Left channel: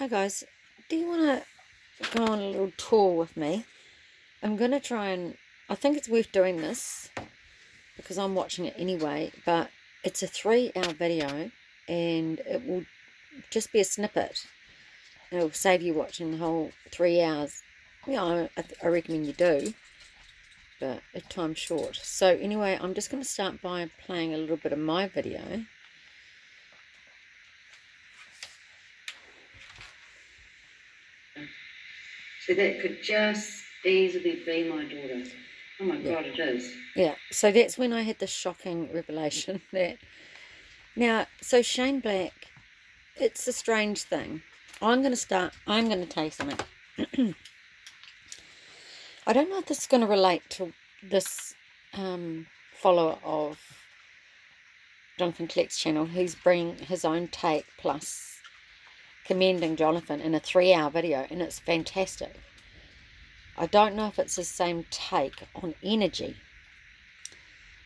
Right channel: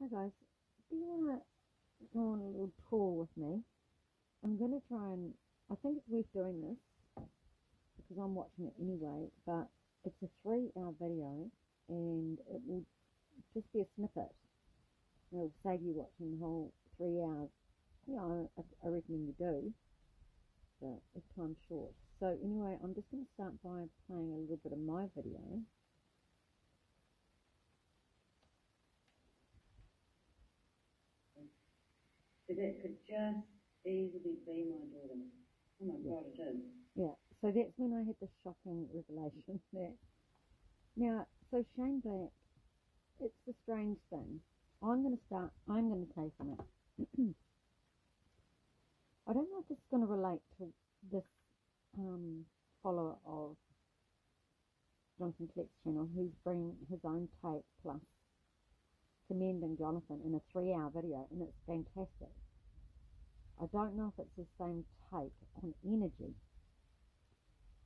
Hi guys, do you want to go on a little tour with me? I'm going to try and, I think it's worth doing this because I'm watching it anyway, but it's a 3-hour video and it will just be a snippet. It'll save you watching the whole 3 hours. Yeah, I recommend you do, but time's short. So anyway, I'm just going to start by playing a little bit of my video. So that could just easily be my daughter. Oh my God, it is. Yeah, so that's when I had the shocking revelation that... Now, so Shane Black, it's a strange thing. I'm going to tell you something. I don't know if this is going to relate to this follower of Jonathan Kleck's channel. He's bringing his own take plus commending Jonathan in a 3-hour video, and it's fantastic. I don't know if it's the same take on energy,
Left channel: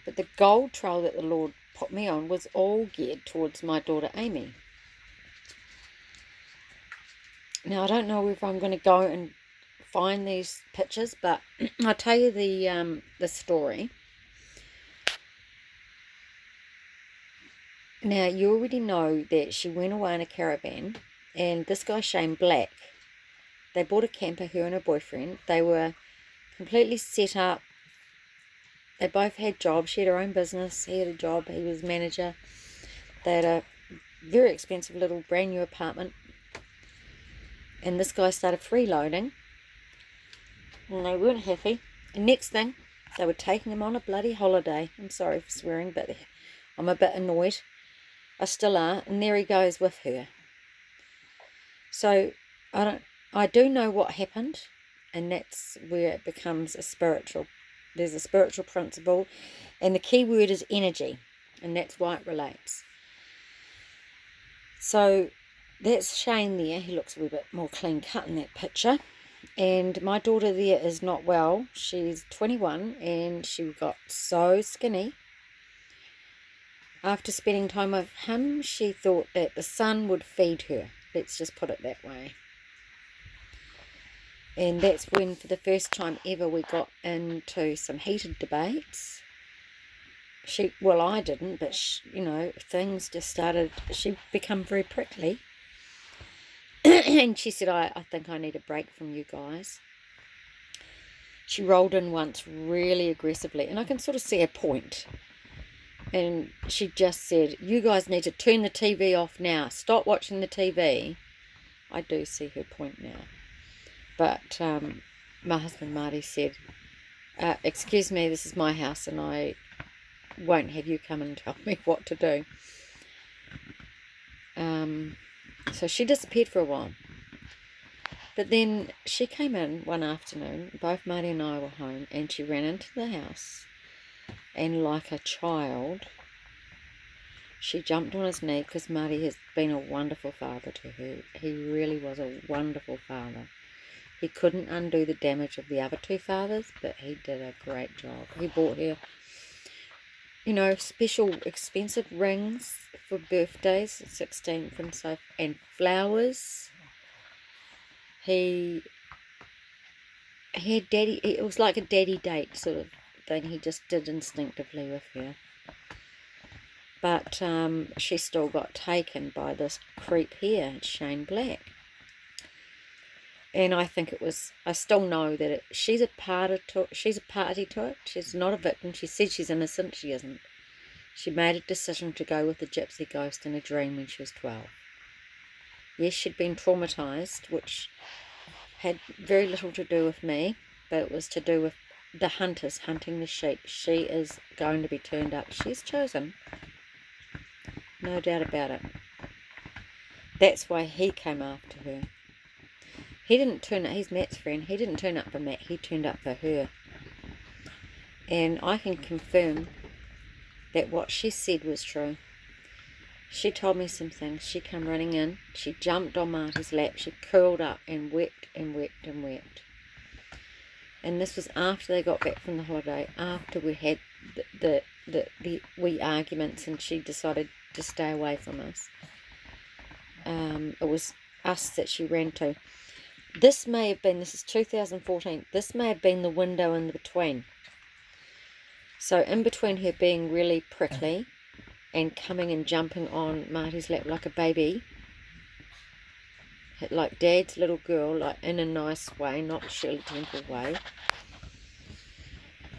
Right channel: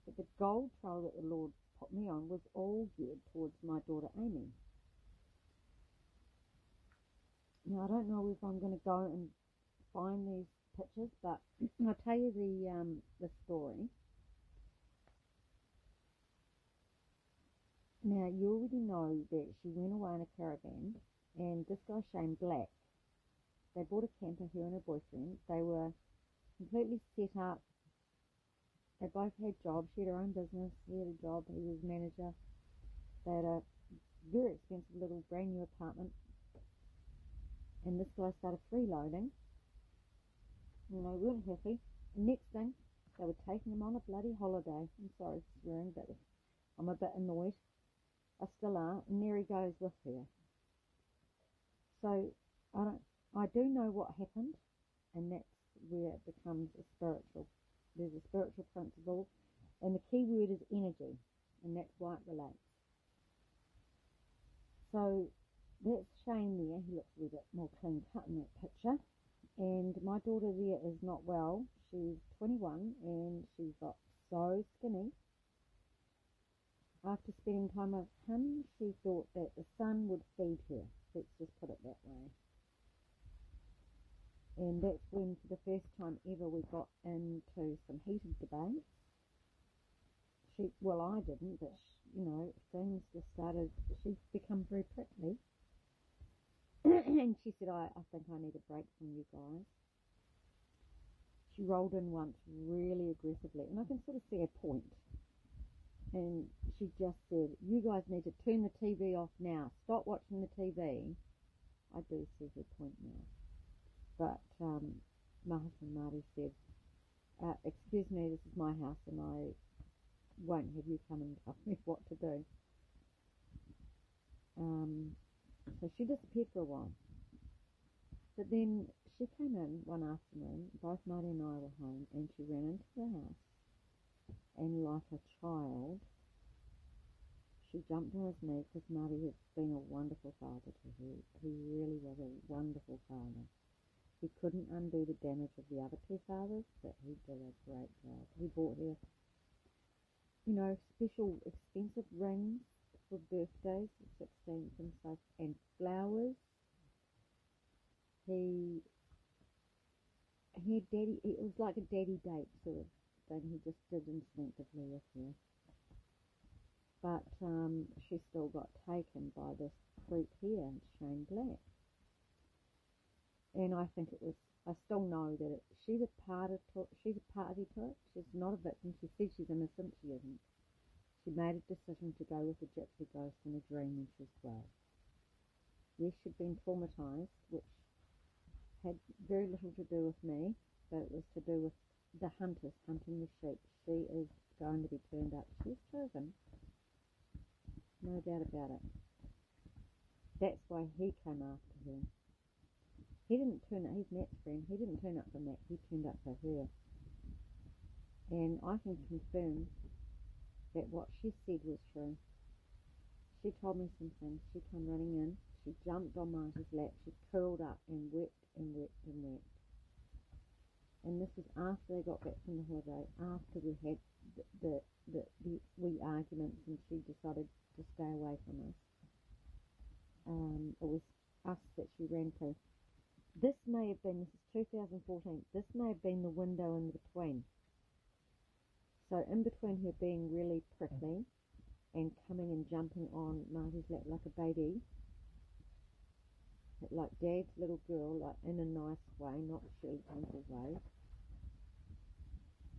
but the gold trail that the Lord put me on was all geared towards my daughter Amy. Now, I don't know if I'm going to go and find these pictures, but I'll tell you the story. Now, you already know that she went away in a caravan, and this guy, Shane Black, they bought a camper, her and her boyfriend. They were completely set up. They both had jobs. She had her own business. He had a job. He was manager. They had a very expensive little brand new apartment. And this guy started freeloading. And they weren't happy. And next thing, they were taking him on a bloody holiday. I'm sorry for swearing, but I'm a bit annoyed. I still are. And there he goes with her. So I do know what happened, and that's where it becomes a spiritual. There's a spiritual principle, and the key word is energy, and that's why it relates. So that's Shane there. He looks a wee bit more clean cut in that picture. And my daughter there is not well. She's 21 and she got so skinny. After spending time with him, she thought that the sun would feed her. Let's just put it that way. And that's when, for the first time ever, we got into some heated debates. Well, I didn't, but you know, things just started. She become very prickly. And she said, I think I need a break from you guys. She rolled in once really aggressively, and I can sort of see her point. And she just said, you guys need to turn the TV off now. Stop watching the TV. I do see her point now. But my husband Marty said, excuse me, this is my house and I won't have you come and tell me what to do. So she disappeared for a while. But then she came in one afternoon, both Marty and I were home, and she ran into the house. And like a child, she jumped on his knee, because Marty has been a wonderful father to her. He really was a wonderful father. He couldn't undo the damage of the other two fathers, but he did a great job. He bought her, you know, special expensive rings for birthdays, 16th and so, and flowers. He had daddy, it was like a daddy date sort of thing. He just did instinctively with her. But she still got taken by this creep here, Shane Black. And I think it was, I still know that she's a party to it. She's not a victim. She said she's innocent. She isn't. She made a decision to go with the gypsy ghost in a dream when she was 12. Yes, she'd been traumatised, which had very little to do with me, but it was to do with the hunters hunting the sheep. She is going to be turned up. She's chosen. No doubt about it. That's why he came after her. He didn't turn up, he's Matt's friend, he didn't turn up for Matt, he turned up for her. And I can confirm that what she said was true. She told me some things. She came running in, she jumped on Marty's lap, she curled up and wept and wept and wept. And this was after they got back from the holiday, after we had the wee arguments and she decided to stay away from us. It was us that she ran to. This is 2014, this may have been the window in between. So in between her being really prickly and coming and jumping on Marty's lap like a baby, like Dad's little girl, like in a nice way, not Shirley Temple way,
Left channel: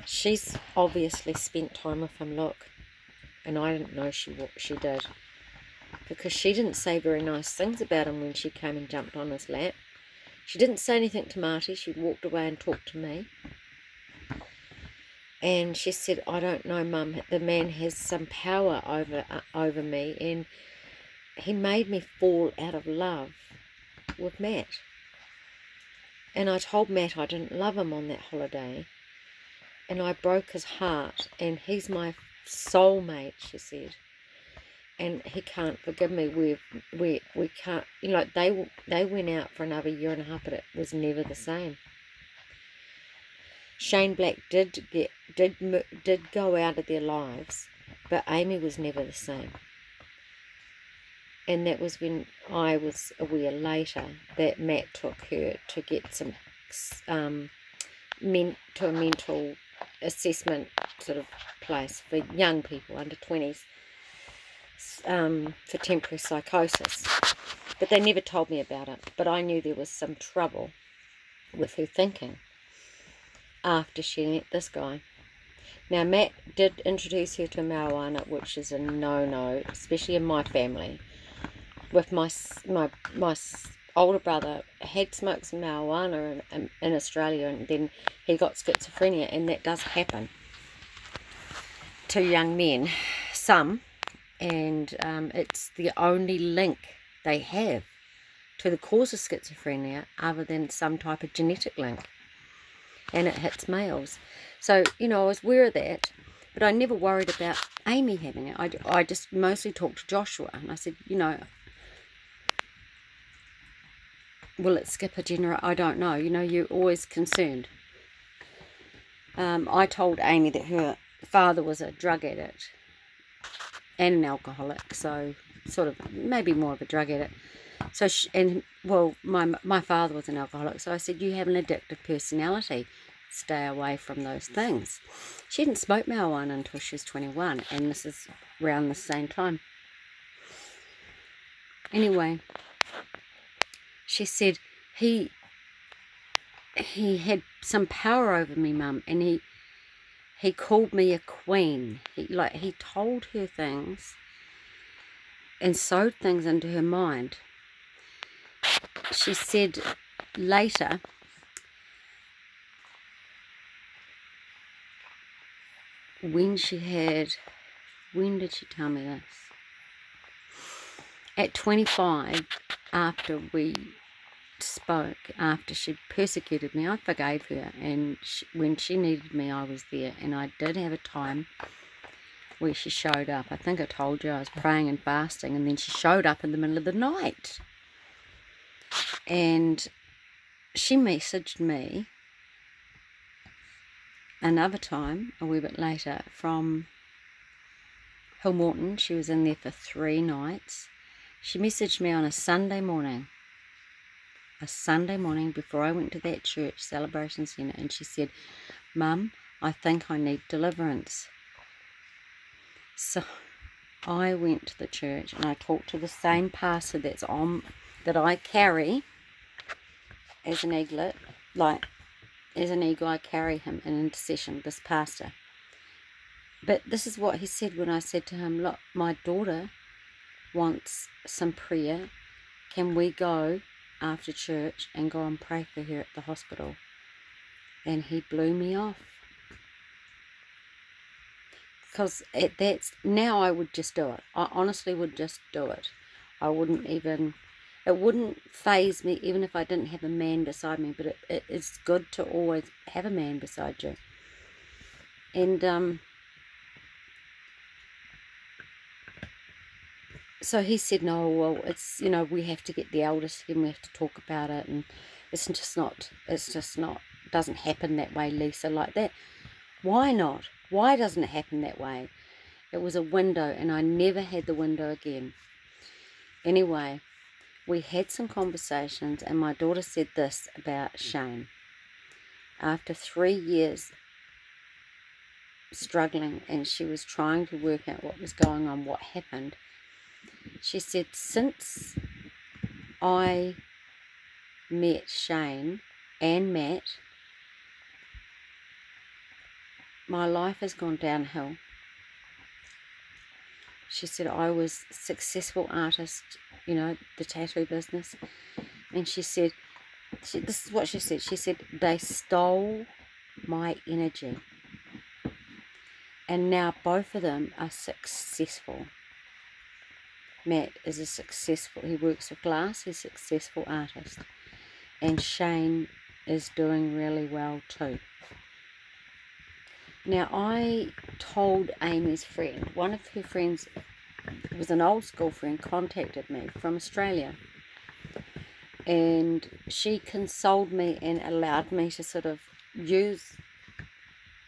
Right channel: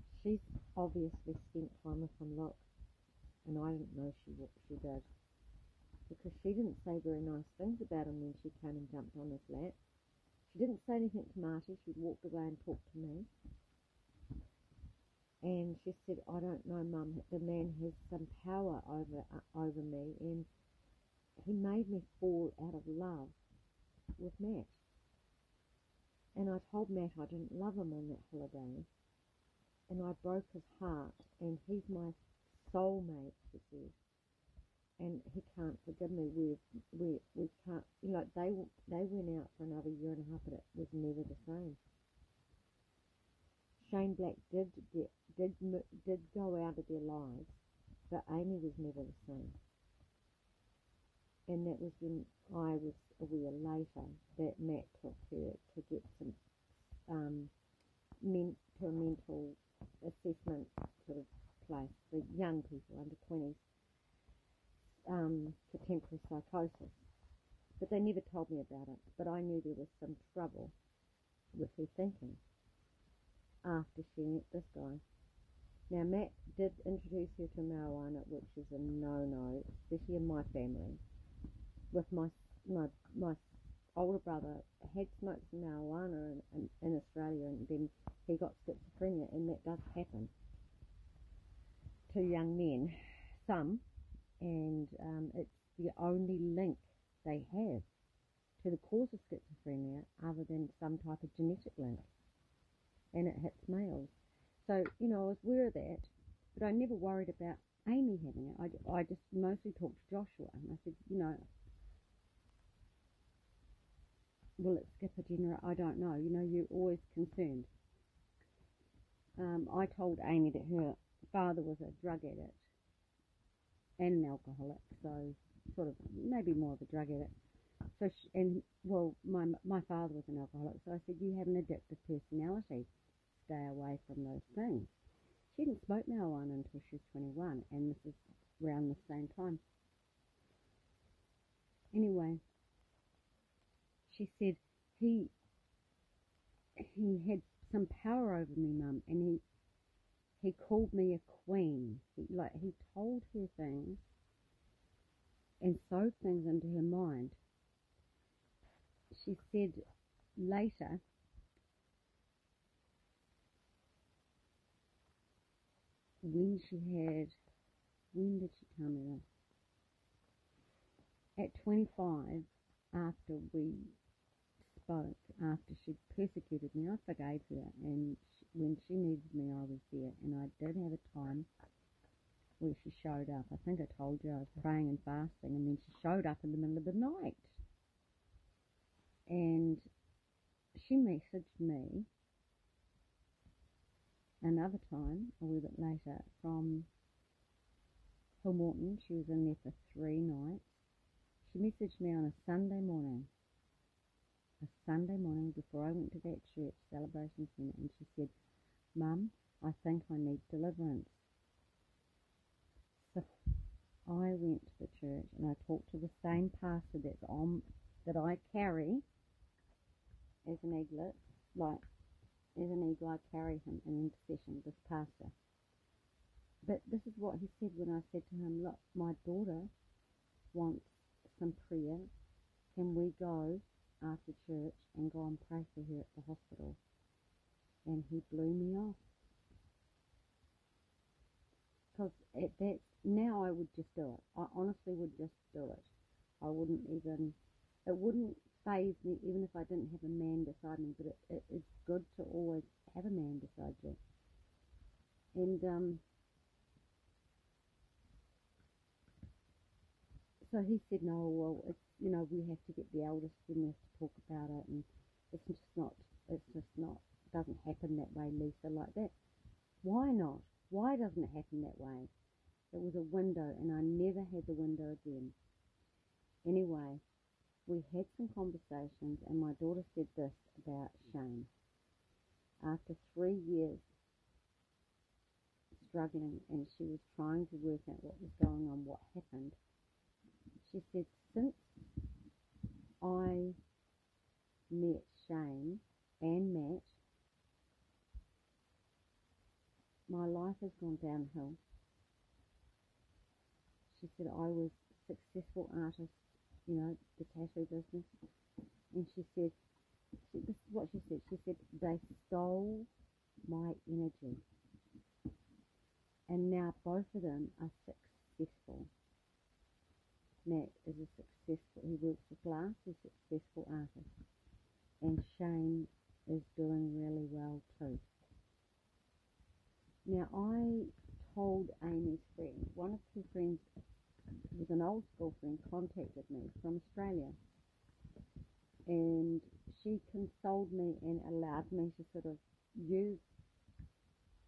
she's obviously spent time with him, look. And I didn't know what she did. Because she didn't say very nice things about him when she came and jumped on his lap. She didn't say anything to Marty. She walked away and talked to me. And she said, I don't know, Mum, the man has some power over me, and he made me fall out of love with Matt. And I told Matt I didn't love him on that holiday, and I broke his heart, and he's my soulmate, she said. And he can't forgive me. We can't, you know, like they went out for another year and a half, but it was never the same. Shane Black did go out of their lives, but Amy was never the same. And that was when I was aware later that Matt took her to get some to a mental assessment sort of place for young people under 20s for temporary psychosis. But they never told me about it. But I knew there was some trouble with her thinking after she met this guy. Now, Matt did introduce her to marijuana, which is a no-no, especially in my family. With my older brother had smoked some marijuana in Australia, and then he got schizophrenia, and that does happen to young men, some, and it's the only link they have to the cause of schizophrenia other than some type of genetic link. And it hits males. So, you know, I was aware of that, but I never worried about Amy having it. I just mostly talked to Joshua, and I said, you know, will it skip a generation? I don't know. You know, you're always concerned. I told Amy that her father was a drug addict and an alcoholic, so sort of maybe more of a drug addict. So, my father was an alcoholic, so I said, you have an addictive personality. Stay away from those things. She didn't smoke marijuana until she was 21, and this is around the same time. Anyway, she said he had some power over me, Mum, and he called me a queen. He told her things and sewed things into her mind. She said later, when did she tell me this? At 25, after we spoke, after she persecuted me, I forgave her, and when she needed me, I was there, and I did have a time where she showed up. I think I told you I was praying and fasting, and then she showed up in the middle of the night. And she messaged me another time, a wee bit later, from Hillmorton. She was in there for 3 nights. She messaged me on a Sunday morning before I went to that church, Celebration Centre, and she said, Mum, I think I need deliverance. So I went to the church and I talked to the same pastor that I carry as an eaglet, as an eagle, I carry him in intercession, this pastor. But this is what he said when I said to him, look, my daughter wants some prayer. Can we go after church and go and pray for her at the hospital? And he blew me off. Because now I would just do it. I honestly would just do it. It wouldn't faze me even if I didn't have a man beside me, but it's good to always have a man beside you. And so he said, no, well, it's, you know, we have to get the elders and we have to talk about it, and it's just not, doesn't happen that way, Lisa, like that. Why not? Why doesn't it happen that way? It was a window, and I never had the window again. Anyway, we had some conversations, and my daughter said this about Shane. After 3 years struggling, and she was trying to work out what was going on, what happened, she said, since I met Shane and Matt, my life has gone downhill. She said, I was a successful artist, you know, the tattoo business. And she said, this is what she said. She said, they stole my energy. And now both of them are successful. Matt is he works with glass, he's a successful artist. And Shane is doing really well too. Now, I told Amy's friend, one of her friends, was an old school friend, contacted me from Australia. And she consoled me and allowed me to sort of use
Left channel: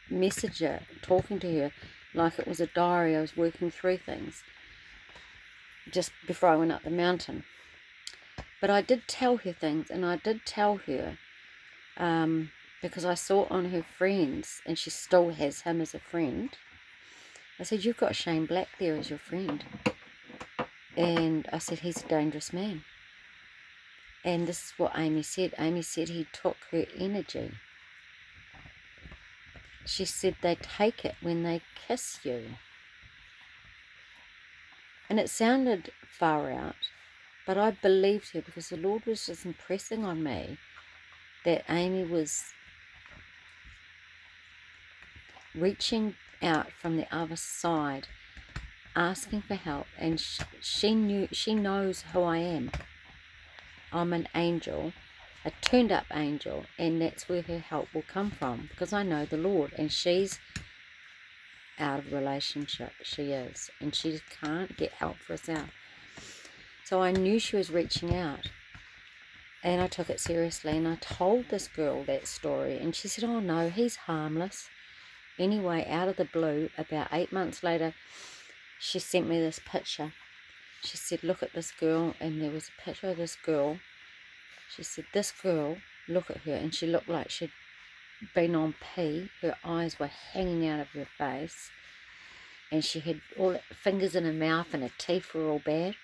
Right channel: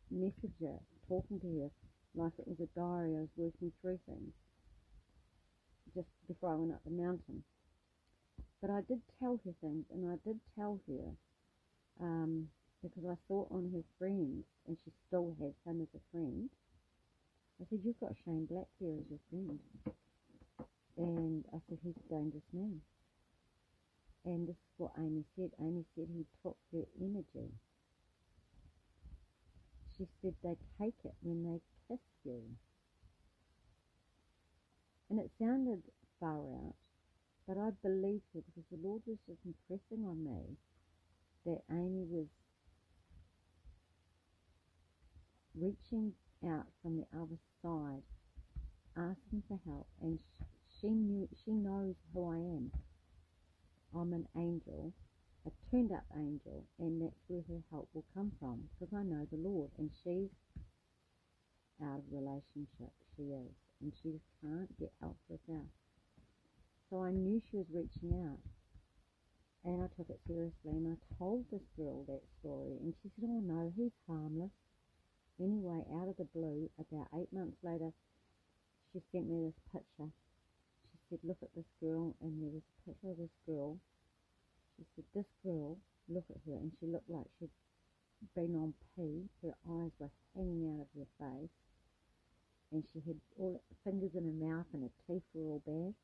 Messenger, talking to her like it was a diary. I was working through things just before I went up the mountain. But I did tell her things, and I did tell her, because I saw on her friends, and she still has him as a friend, I said, you've got Shane Black there as your friend. And I said, he's a dangerous man. And this is what Amy said. Amy said he took her energy. She said they take it when they kiss you. And it sounded far out, but I believed her, because the Lord was just impressing on me that Amy was reaching out from the other side, asking for help, and she knows who I am. I'm an angel, a turned up angel, and that's where her help will come from, because I know the Lord, and she's out of relationship. She is, and she just can't get help for herself. So I knew she was reaching out, and I took it seriously, and I told this girl that story, and she said, oh no, he's harmless. Anyway, out of the blue, about 8 months later, she sent me this picture. She said, look at this girl, and there was a picture of this girl. She said, this girl, look at her, and she looked like she'd been on pee. Her eyes were hanging out of her face, and she had all fingers in her mouth, and her teeth were all bad.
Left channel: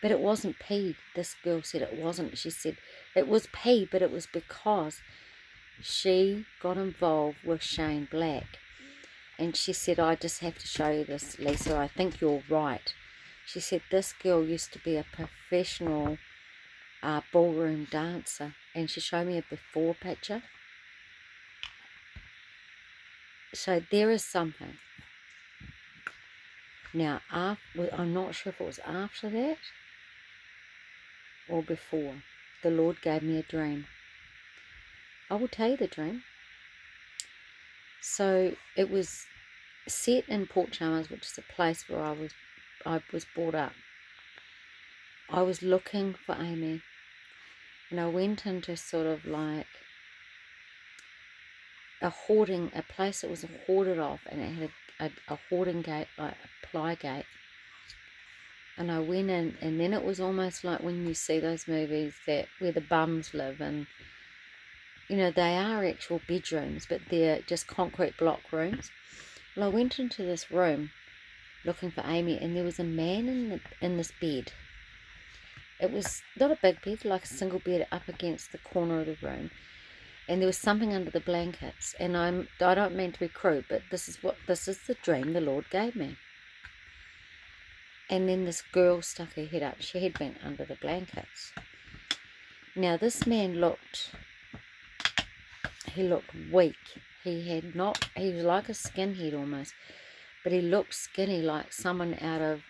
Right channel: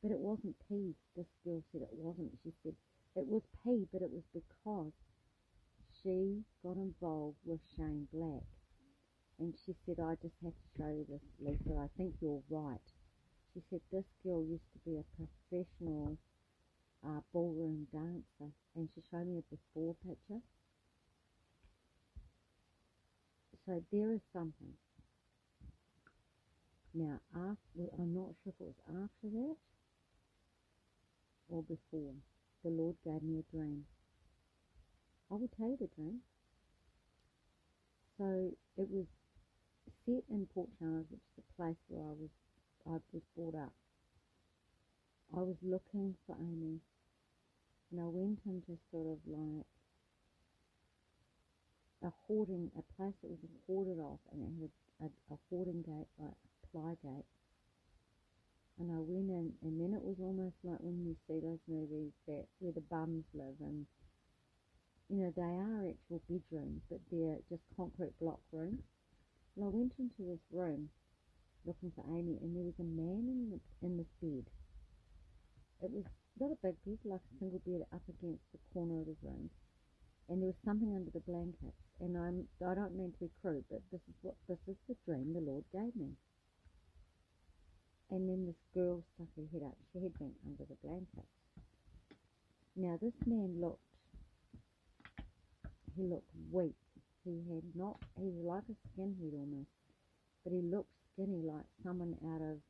But it wasn't pee. This girl said it wasn't. She said it was pee, but it was because she got involved with Shane Black. And she said, I just have to show you this, Lisa. I think you're right. She said this girl used to be a professional ballroom dancer. And she showed me a before picture. So there is something. Now, I'm not sure if it was after that or before. The Lord gave me a dream. I will tell you the dream. So it was set in Port Chalmers, which is a place where I was brought up. I was looking for Amy, and I went into sort of like a place that was hoarded off, and it had a hoarding gate, like a ply gate. And I went in, and then it was almost like when you see those movies where the bums live, and you know, they are actual bedrooms, but they're just concrete block rooms. Well, I went into this room looking for Amy, and there was a man in this bed. It was not a big bed, like a single bed up against the corner of the room. And there was something under the blankets. And I don't mean to be crude, but this is the dream the Lord gave me. And then this girl stuck her head up. She had been under the blankets. Now this man looked weak. He was like a skinhead almost, but he looked skinny, like someone out of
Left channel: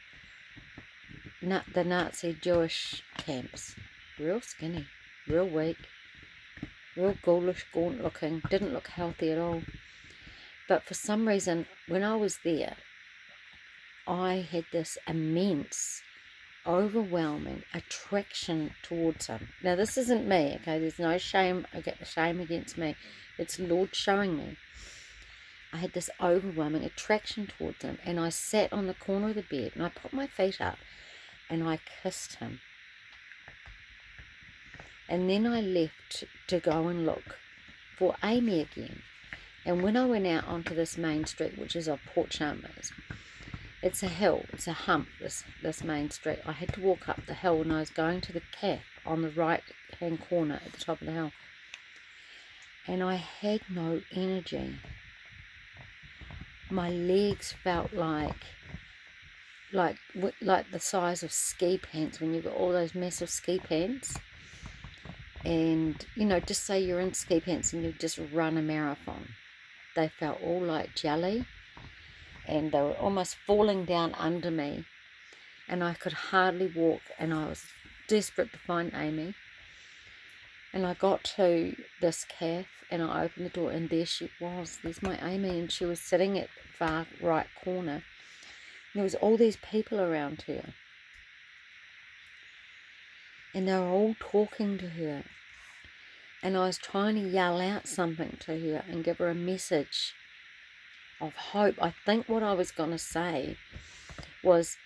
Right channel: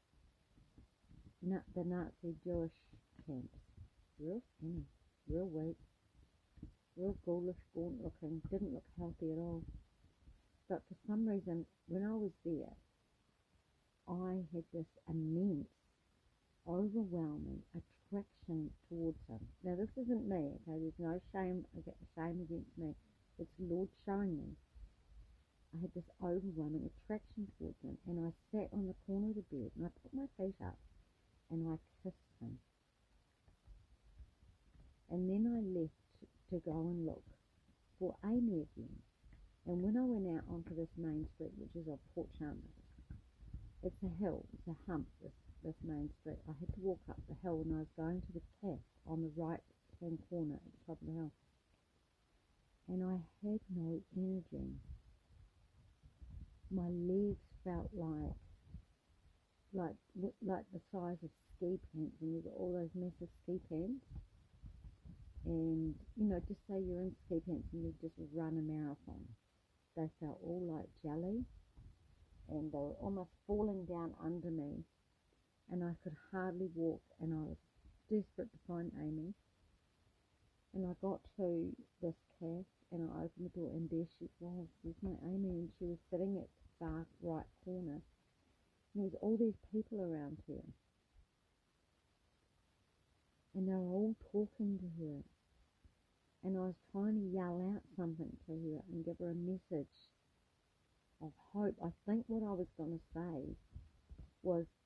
the Nazi Jewish camps. Real skinny, real weak, real ghoulish, gaunt looking, didn't look healthy at all. But for some reason, when I was there, I had this immense, overwhelming attraction towards him. Now this isn't me, okay, there's no shame against me. It's the Lord showing me. I had this overwhelming attraction towards him, and I sat on the corner of the bed, and I put my feet up, and I kissed him. And then I left to go and look for Amy again. And when I went out onto this main street, which is off Port Chalmers, it's a hill, it's a hump, this main street. I had to walk up the hill, and I was going to the cafe on the right hand corner at the top of the hill. And I had no energy. My legs felt like the size of ski pants, when you've got all those massive ski pants. And, you know, just say you're in ski pants and you've just run a marathon. They felt all like jelly, and they were almost falling down under me, and I could hardly walk, and I was desperate to find Amy. And I got to this cafe, and I opened the door, and there she was. There's my Amy, and she was sitting at the far right corner. And there was all these people around her, and they were all talking to her. And I was trying to yell out something to her and give her a message of hope. I think what I was going to say was,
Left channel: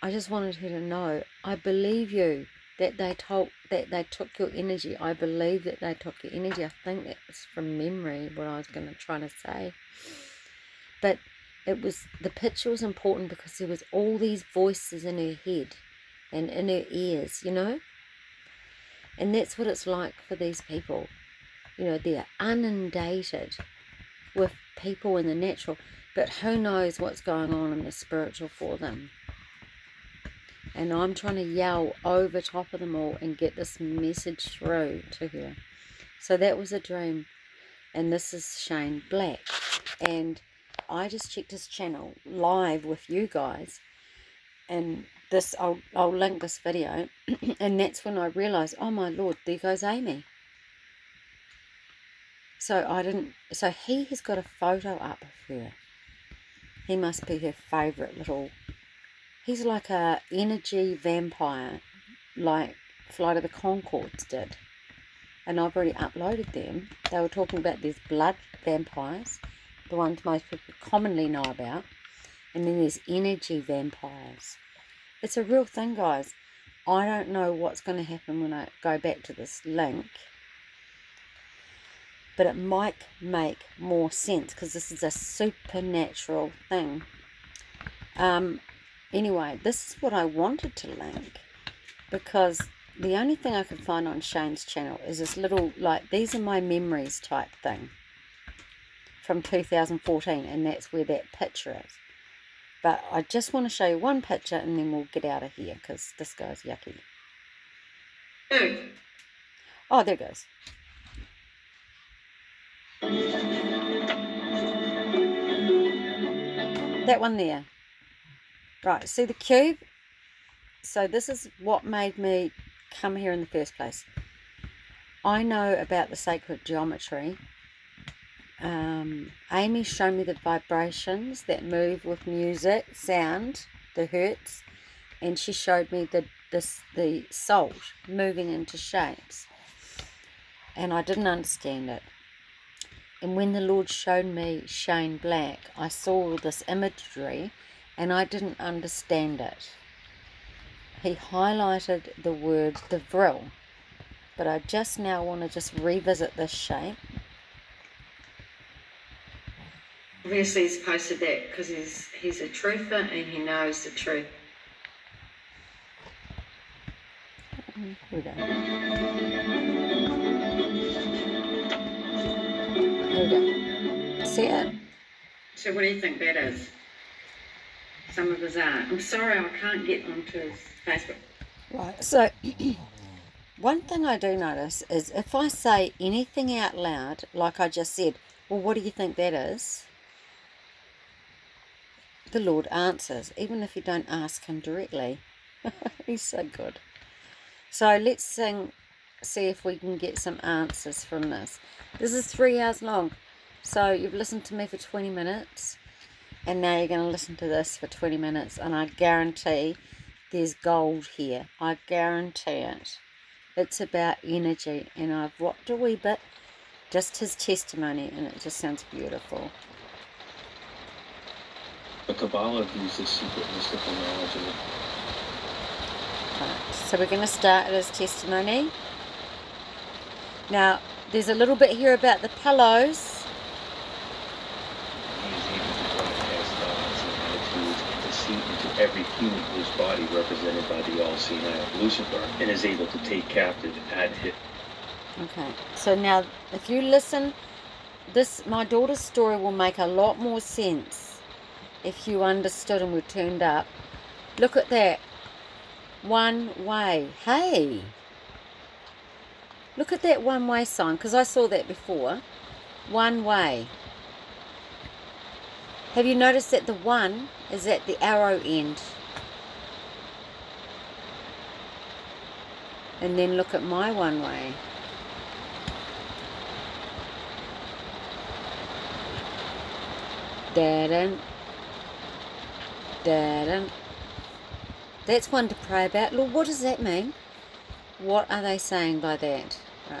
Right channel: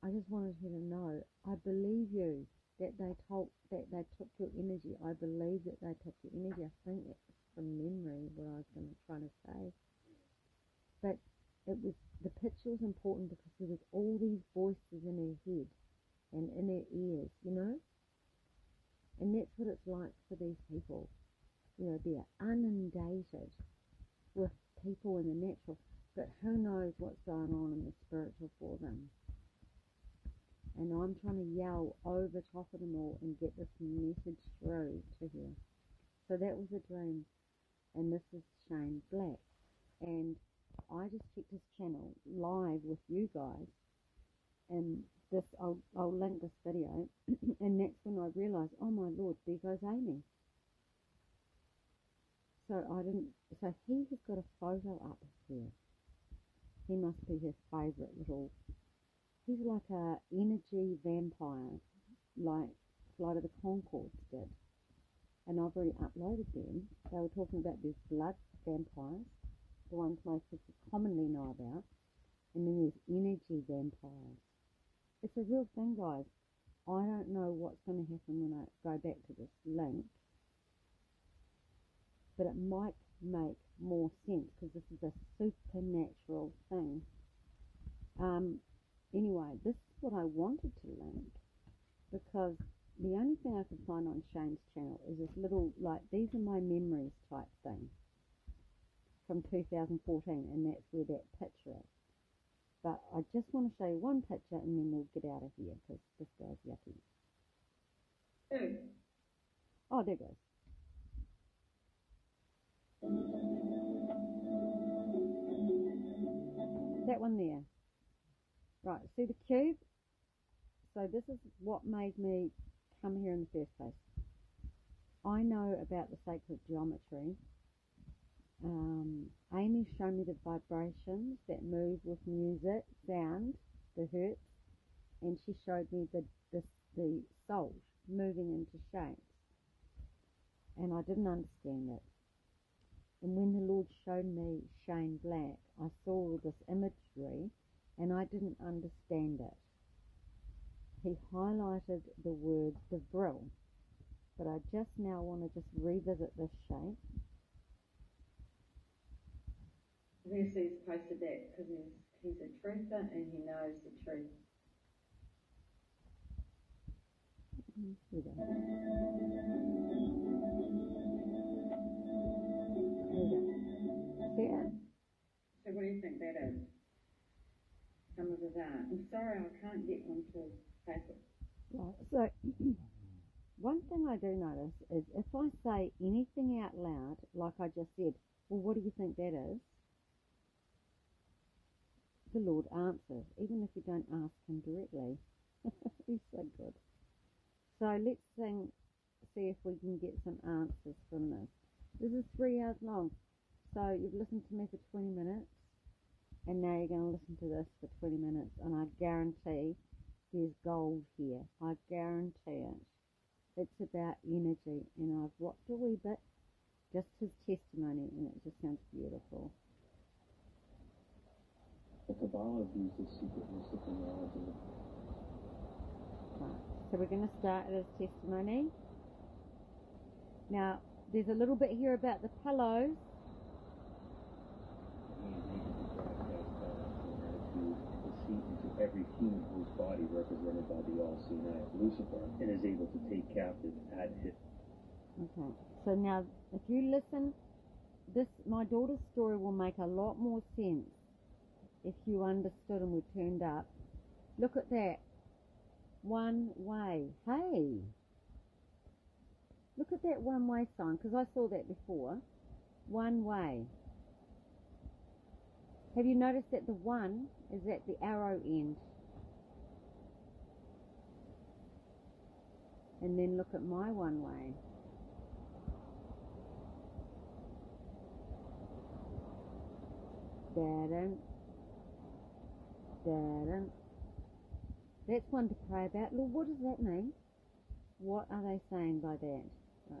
I just wanted her to know, I believe you, that they took your energy. I believe that they took your energy. I think that was from memory what I was going to try to say. But it was, the picture was important because there was all these voices in her head and in her ears, you know. And that's what it's like for these people. You know, they're inundated with people in the natural, but who knows what's going on in the spiritual for them. And I'm trying to yell over top of them all and get this message through to her. So that was a dream. And this is Shane Black. And I just checked his channel live with you guys. And this, I'll link this video. And that's when I realised, oh my Lord, there goes Amy. So he has got a photo up of her. He must be her favourite little, he's like a energy vampire, like Flight of the Conchords did. And I've already uploaded them. They were talking about these blood vampires, the ones most people commonly know about. And then there's energy vampires. It's a real thing, guys. I don't know what's going to happen when I go back to this link, but it might make more sense because this is a supernatural thing. Anyway, this is what I wanted to link, because the only thing I could find on Shane's channel is this little, like, these are my memories type thing from 2014, and that's where that picture is. But I just want to show you one picture and then we'll get out of here because this guy's yucky. Oh, there it goes. That one there. Right, see the cube? So this is what made me come here in the first place. I know about the sacred geometry. Amy showed me the vibrations that move with music, sound, the hertz, and she showed me the salt moving into shapes, and I didn't understand it. And when the Lord showed me Shane Black, I saw this imagery and I didn't understand it. He highlighted the word the vril, but I just now want to just revisit this shape. Obviously he's posted that because he's a truther and he knows the truth. Here we go. Here we go. See it? So what do you think that is? Some of his art. I'm sorry I can't get onto his Facebook. Right, so one thing I do notice is if I say anything out loud, like I just said, well, what do you think that is? The Lord answers, even if you don't ask him directly. He's so good. So let's see if we can get some answers from this. This is 3 hours long. So you've listened to me for 20 minutes. And now you're going to listen to this for 20 minutes. And I guarantee there's gold here. I guarantee it. It's about energy. And I've watched a wee bit. Just his testimony. And it just sounds beautiful. The Kabbalah views this secret mystical knowledge of Right, so we're going to start at his testimony. Now, there's a little bit here about the pillows. He is able to broadcast thoughts and attitudes and deceit into every human whose body represented by the all-seeing eye of Lucifer, and is able to take captive at his... Okay, so now if you listen, my daughter's story will make a lot more sense if you understood and were turned up. Look at that. One way. Hey! Look at that one way sign, because I saw that before. One way. Have you noticed that the one is at the arrow end? And then look at my one way. Dadin. Dadin. That's one to pray about. Lord, what does that mean? What are they saying by that? Right.